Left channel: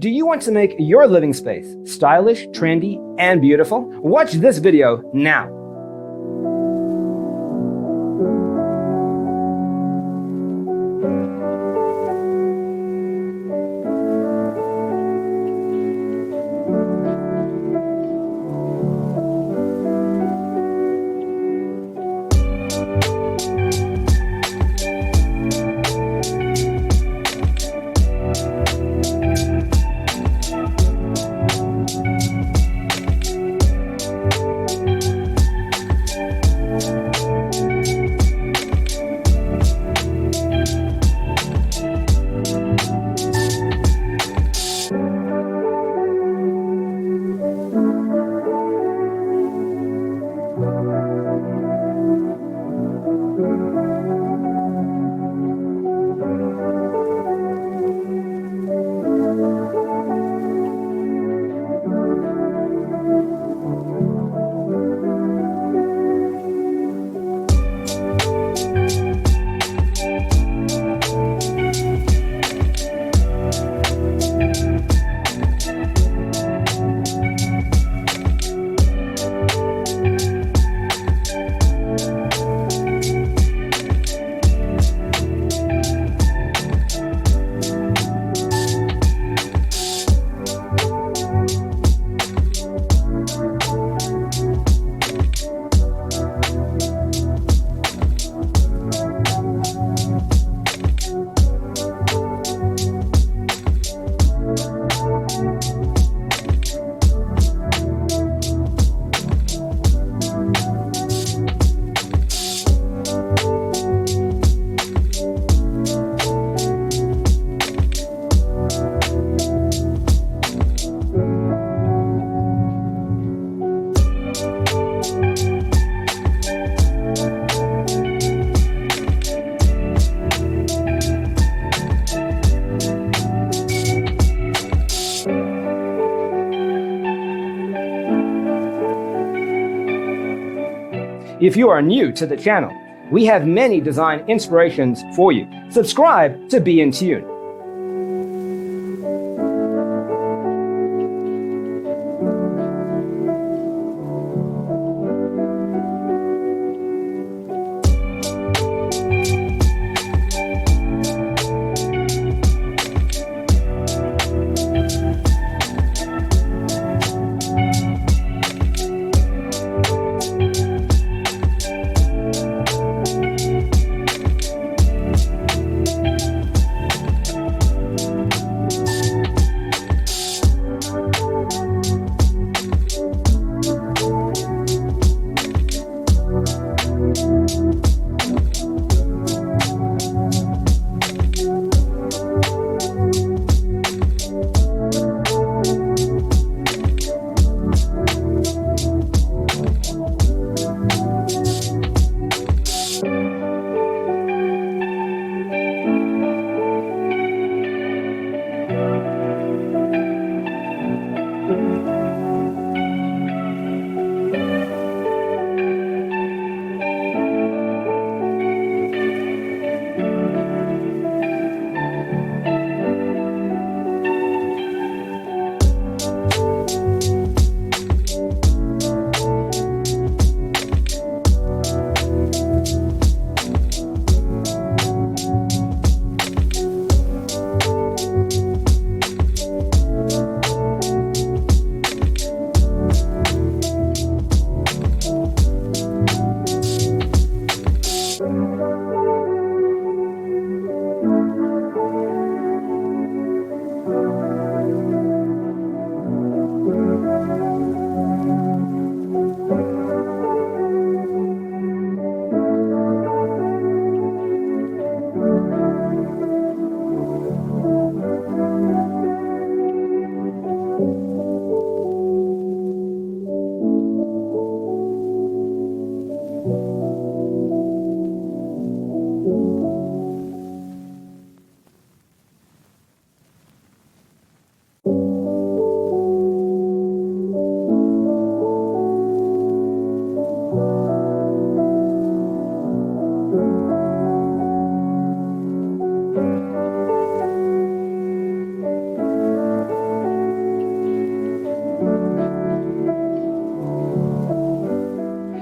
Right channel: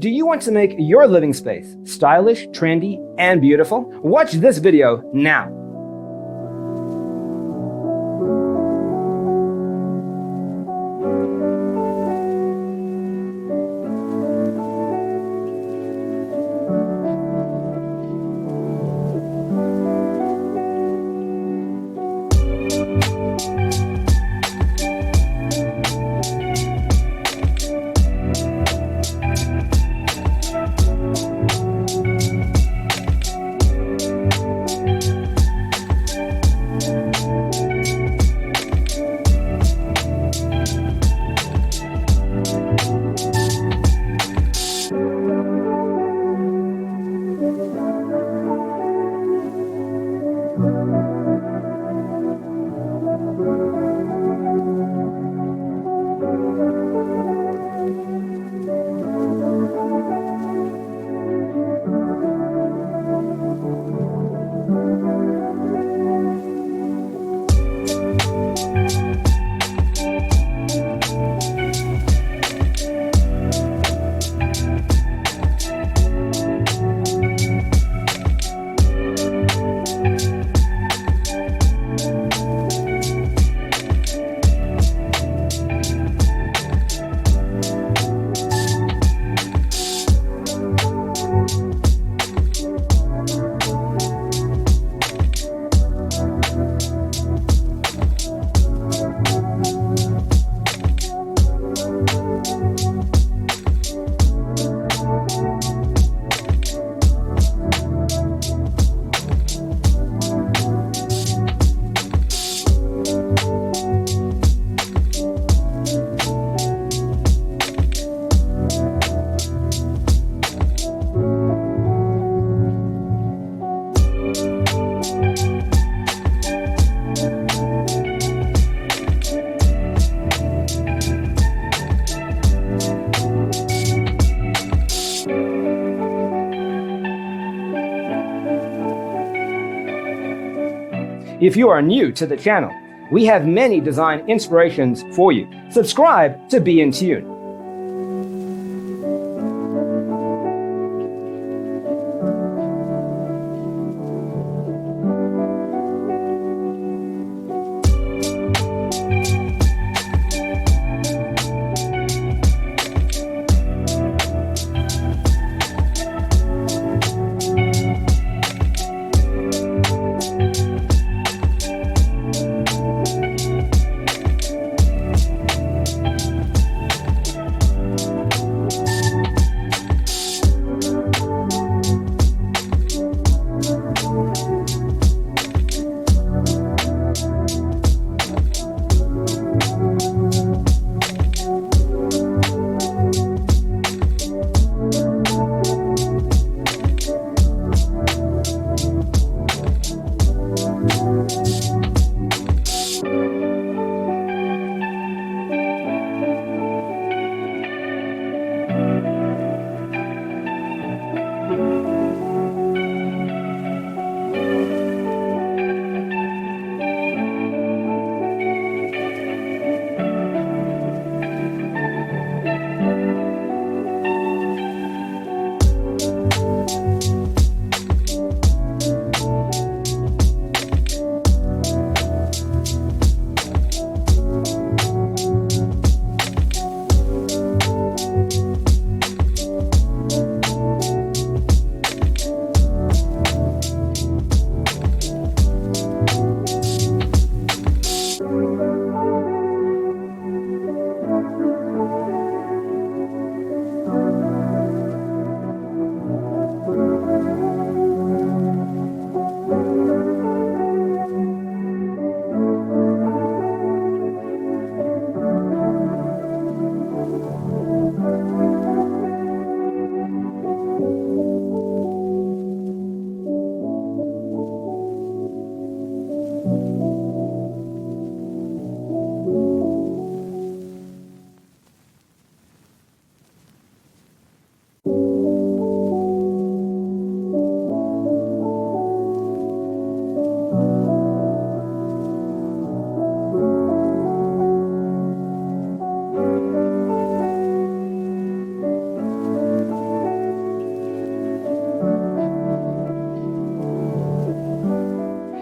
Do you want to make your living space stylish, trendy, and beautiful? Watch this video now. If you are new to the channel, we have many design inspirations for you. Subscribe to be in tune.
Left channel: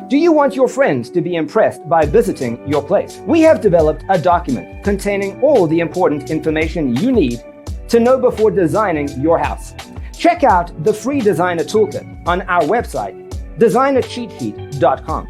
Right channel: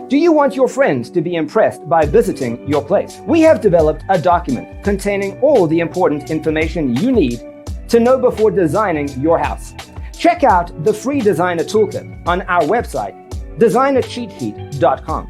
Do you want your friends to be impressed by visiting your place? We have developed a document containing all the important information you need to know before designing your house. Check out the free designer toolkit on our website, designercheatsheet.com.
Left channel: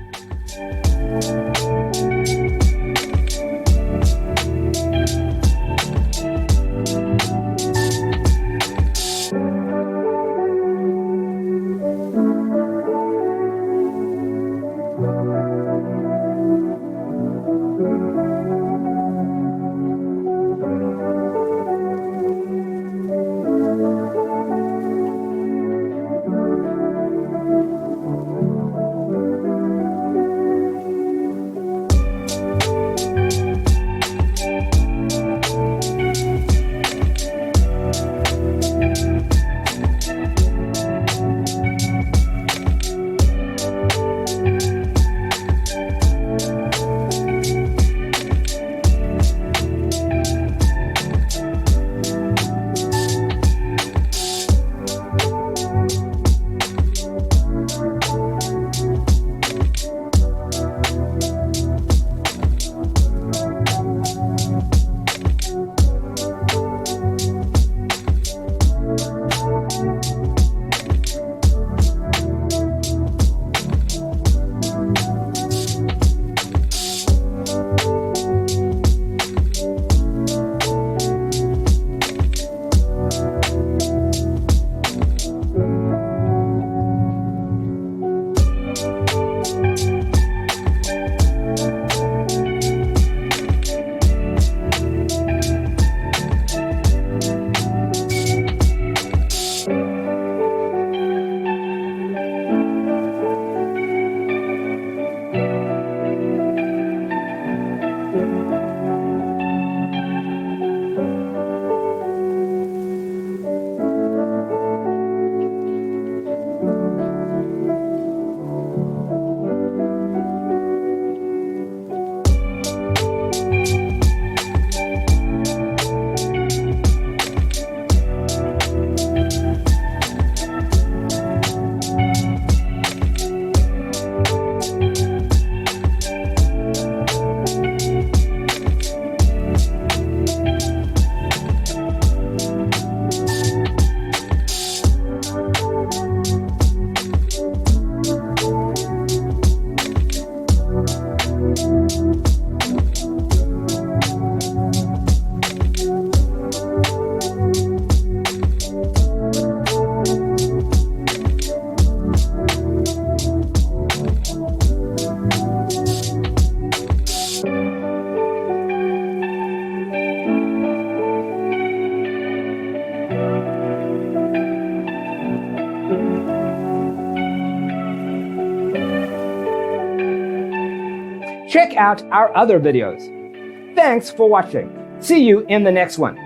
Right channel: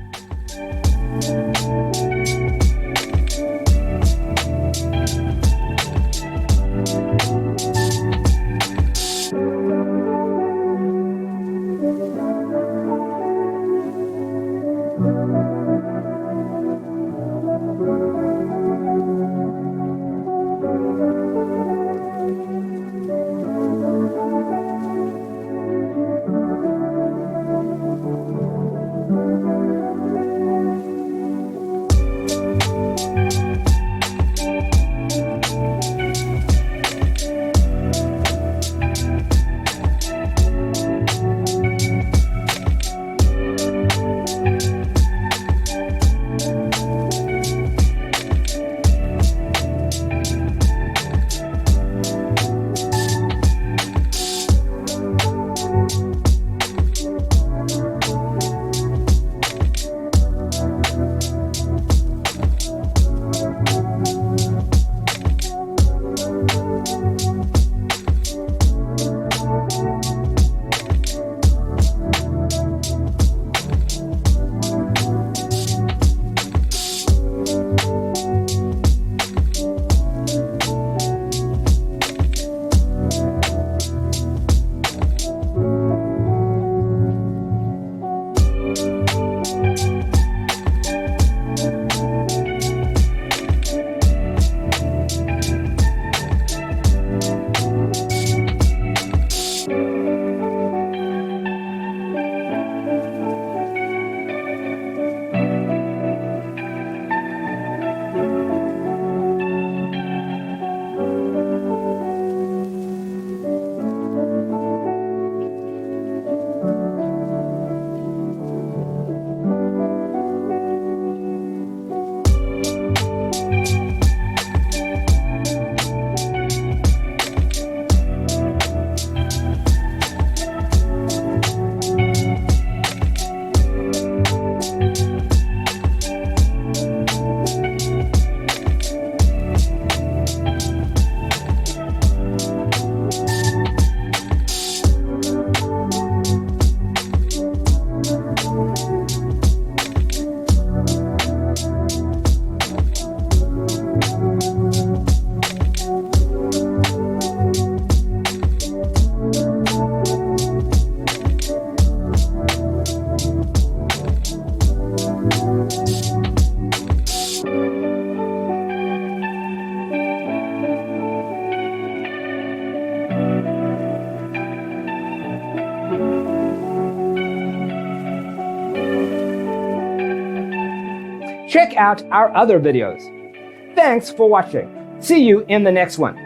Check out our other videos. Thanks for watching. See you in the next one.